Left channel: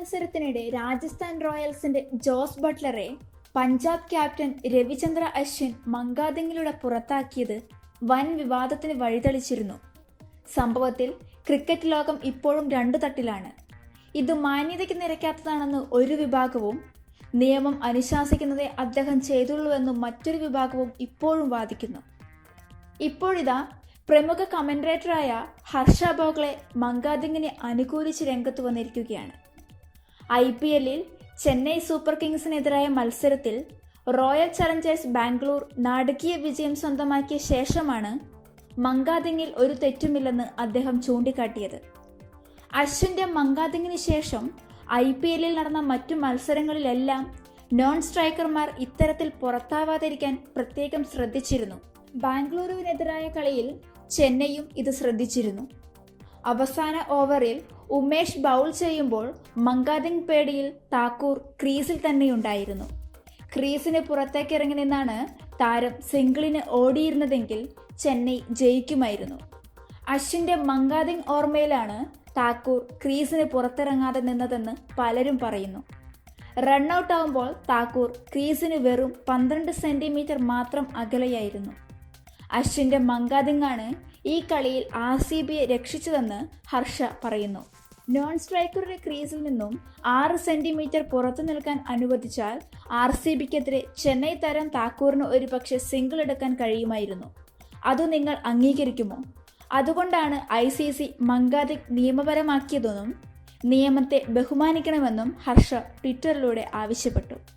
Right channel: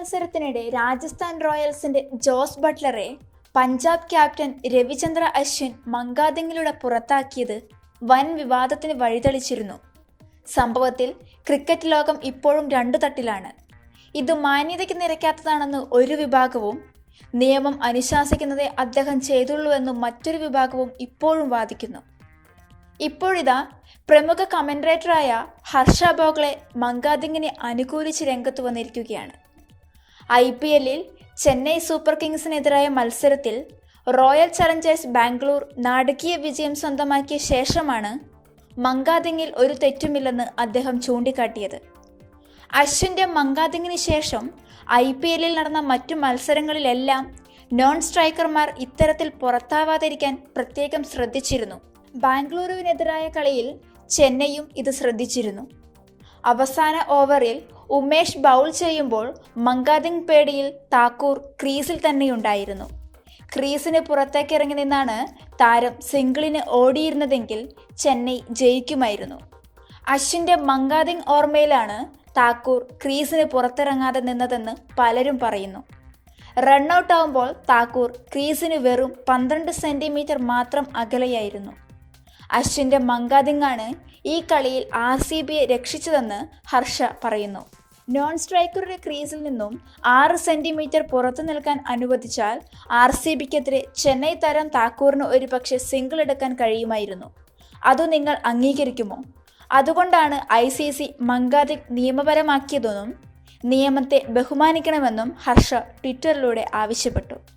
മത്സരത്തിനിടെ രാജസ്ഥാൻ റോയൽസിന്റെ ജോസ് ബട്ട്ലറെ പഞ്ചാബ് ക്യാപ്റ്റൻ രവിചന്ദ്ര അശ്വിൻ മങ്കാദിങ്ങിലൂടെ പുറത്താക്കിയത് വൻ വിവാദത്തിന് വഴിതെളിച്ചിരുന്നു. സംഭവത്തിൽ ക്രിക്കറ്റ് ലോകം ഇപ്പോഴും രണ്ടു തട്ടിലാണ്. ഇത് മാന്യതയ്ക്ക് നിരക്കാത്തതാണെന്ന് ഒരു വിഭാഗവും നിയമം അനുശാസിക്കുന്നതേ അദ്ദേഹം ചെയ്തുള്ളൂ എന്ന് മറ്റൊരു വിഭാഗവും ഇപ്പോഴും വാദിക്കുന്നു. ഇപ്പോഴിതാ പ്രമുഖ കമന്റേറ്ററായ ഹർഷ ബോഗ്ലെ മങ്കാദിങ്ങിനെ അനുകൂലിച്ച് രംഗത്ത് വന്നിരിക്കുകയാണ്. ഐ പി എല്ലിൽ ചെന്നൈ സൂപ്പർ കിങ്സിനെതിരായ മത്സരത്തിൽ റോയൽ ചലഞ്ചേഴ്സ് ബാംഗ്ലൂർ നാടകീയ വിജയം സ്വന്തമാക്കിയ ശേഷമാണ് മങ്കാദിങ്ങിൽ ഒരു തെറ്റുമില്ലെന്ന് അദ്ദേഹം ചൂണ്ടിക്കാട്ടിയത്. അശ്വിന്റെ മങ്കാദിങ്ങിന് ശേഷം ഐ പി എല്ലിൽ നടന്ന മറ്റു മത്സരങ്ങളിലെല്ലാം നോൺ സ്ട്രൈക്കർമാർ ഇത്തരത്തിൽ പുറത്താവാതിരിക്കാൻ പ്രത്യേകം ശ്രദ്ധിച്ചിരുന്നു. ബാംഗ്ലൂരുവിനെതിരായ കളിയിൽ ചെന്നൈയും ഇത് ശ്രദ്ധിച്ചിരുന്നു. അവസാന ഓവറിൽ ഉമേഷ് ബൗൾ ചെയ്യുമ്പോൾ മങ്കാദിങ് പേടിയിൽ താക്കൂർ ക്രീസിൽ തന്നെയുണ്ടായിരുന്നു. ക്രീസിന് പുറത്തേക്കിറങ്ങി നിന്നാണ് താരം സിംഗിളിന് ഓടിയിരുന്നതെങ്കിൽ ചെന്നൈ ജയിക്കുമായിരുന്നു. അശ്വിന്റെ മങ്കാദിങ് ഓർമ്മയിലാണ് താക്കൂർ ക്രീസിന് പുറത്തിറങ്ങാതെ നിന്നതെന്ന് പലരും പറയുന്നു. റണ്ണൌട്ട് ആവുമ്പോൾ താക്കൂർ ക്രീസിന് വെറും പന്ത്രണ്ട് സെന്റിമീറ്റർ മാത്രം അകലെയായിരുന്നു. അശ്വിന്റെ മങ്കാദിങ്ങാണ് ഈ കളിയിൽ ആർ സി ബിയെ രക്ഷിച്ചതെന്ന് ഹർഷ പറയുന്നു. നോൺ സ്ട്രൈക്കറുടെ ക്രീസിൽ നിന്നും ആറ് സെന്റിമീറ്റർ പുറത്തു നിൽക്കാൻ അനുവദിച്ചാൽ ആർ സി ബിക്കെതിരെ ചെന്നൈ താരം താക്കൂറിന് ഒരുപക്ഷെ സിംഗിൾ എടുക്കാൻ കഴിയുമായിരുന്നു. അത് നിങ്ങൾ അംഗീകരിക്കുമോ? അതുകൊണ്ടാണ് ഐ സി സി മങ്കാദിക് നിയമപരമാക്കിയതെന്നും നിയമത്തെ ബഹുമാനിക്കണമെന്നും ഹർഷ ട്വിറ്ററിലൂടെ ആവശ്യപ്പെട്ടു.